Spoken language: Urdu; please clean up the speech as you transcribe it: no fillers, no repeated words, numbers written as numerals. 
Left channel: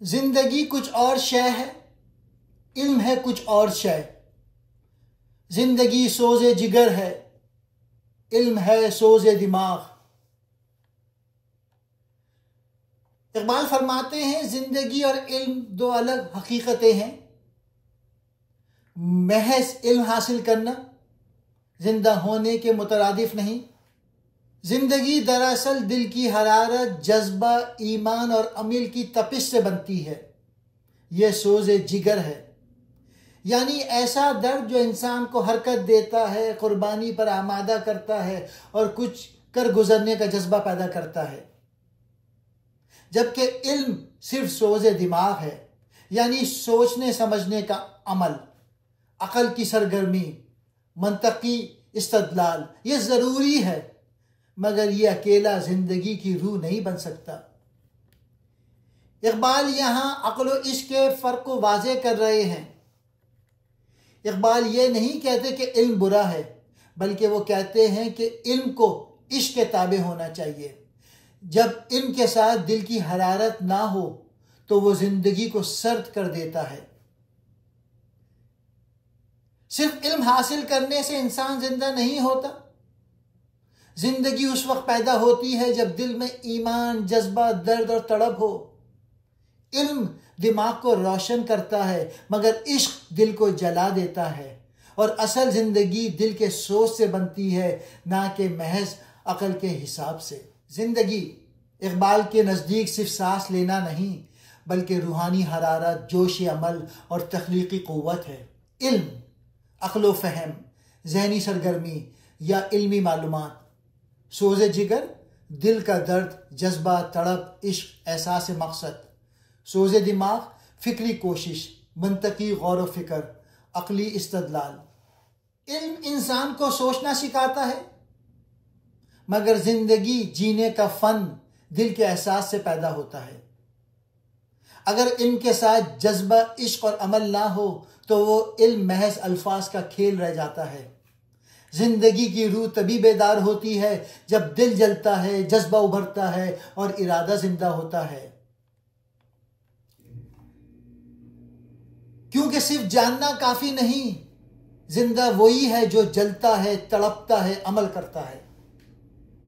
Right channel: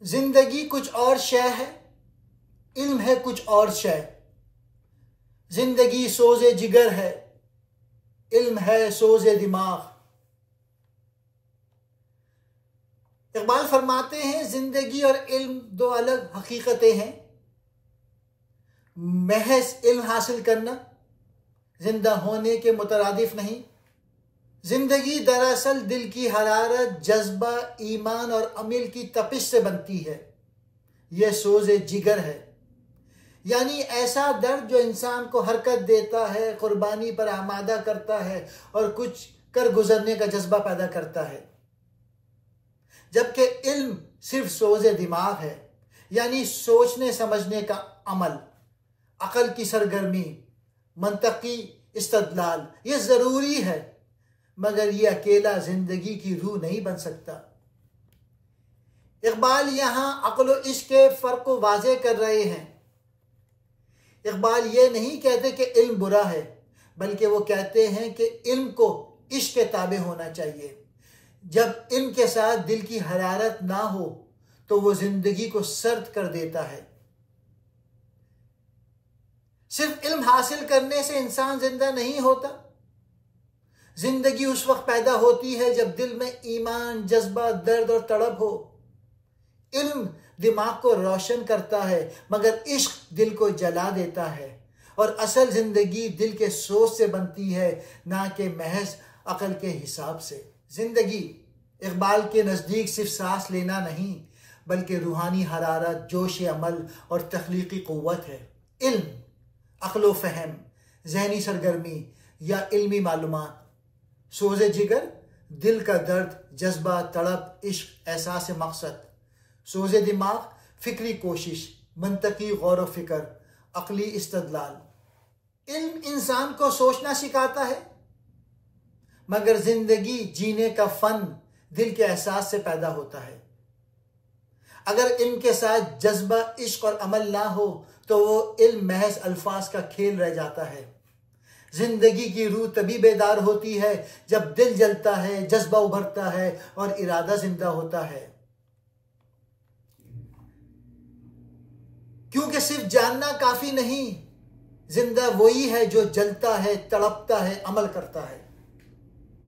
زندگی کچھ اور شے ہے، علم ہے کچھ اور شے۔ زندگی سوز جگر ہے، علم ہے سوز دماغ۔ اقبال فرماتے ہیں زندگی اور علم دو الگ حقیقتیں ہیں۔ محض علم حاصل کرنا زندہ ہونے کے مترادف نہیں۔ زندگی دراصل دل کی حرارت، جذبہ، ایمان اور عمل کی تپش سے بنتی ہے۔ یہ سوز جگر ہے، یعنی ایسا درد جو انسان کو حرکت دیتا ہے، قربانی پر آمادہ کرتا ہے اور کچھ کر گزرنے کا جذبہ پیدا کرتا ہے۔ جبکہ علم صرف سوز دماغ ہے، یعنی سوچنے سمجھنے کا عمل، عقل کی سرگرمی، منطقی استدلال۔ یہ ضروری ہے، مگر یہ اکیلا زندگی کی روح نہیں بن سکتا۔ اقبال یہاں عقل و عشق کے فرق کو واضح کر رہے ہیں۔ اقبال یہ نہیں کہتے کہ علم برا ہے، بلکہ وہ کہتے ہیں کہ علم کو عشق کے تابع ہونا چاہیے۔ جب علم کے ساتھ دل کی حرارت نہ ہو تو وہ زندگی کو سرد کر دیتا ہے۔ صرف علم حاصل کرنے سے انسان زندہ نہیں ہوتا۔ زندگی اس وقت پیدا ہوتی ہے جب دل میں ایمان، جذبہ، درد اور تڑپ ہو۔ علم دماغ کو روشن کرتا ہے، مگر عشق دل کو جلا دیتا ہے، اور اصل زندگی دل کے سوچ سے بنتی ہے، نہ کہ محض عقل کے حساب سے۔ زندگی اقبال کے نزدیک صرف سانس لینا نہیں، بلکہ روحانی حرارت، جوش عمل اور تخلیقی قوت ہے۔ علم عقل و فہم، ذہنی سرگرمی یا علمی معلومات۔ سوز جگر دل کا درد، جذبہ، تڑپ، عشق، احساس مقصد۔ سوز دماغ فکری کوشش، منطقی غور و فکر، عقلی استدلال۔ علم انسان کو سوچنا سکھاتا ہے، مگر زندگی جینے کا فن دل کے احساس سے پیدا ہوتا ہے۔ اگر علم کے ساتھ جذبہ، عشق اور عمل نہ ہو تو وہ علم محض الفاظ کا کھیل رہ جاتا ہے۔ زندگی کی روح تبھی بیدار ہوتی ہے جب دل جلتا ہے، جذبہ ابھرتا ہے اور ارادہ زندہ ہوتا ہے۔ کیونکہ صرف جاننا کافی نہیں، زندہ وہی ہے جو جلتا ہے، تڑپتا ہے، عمل کرتا ہے۔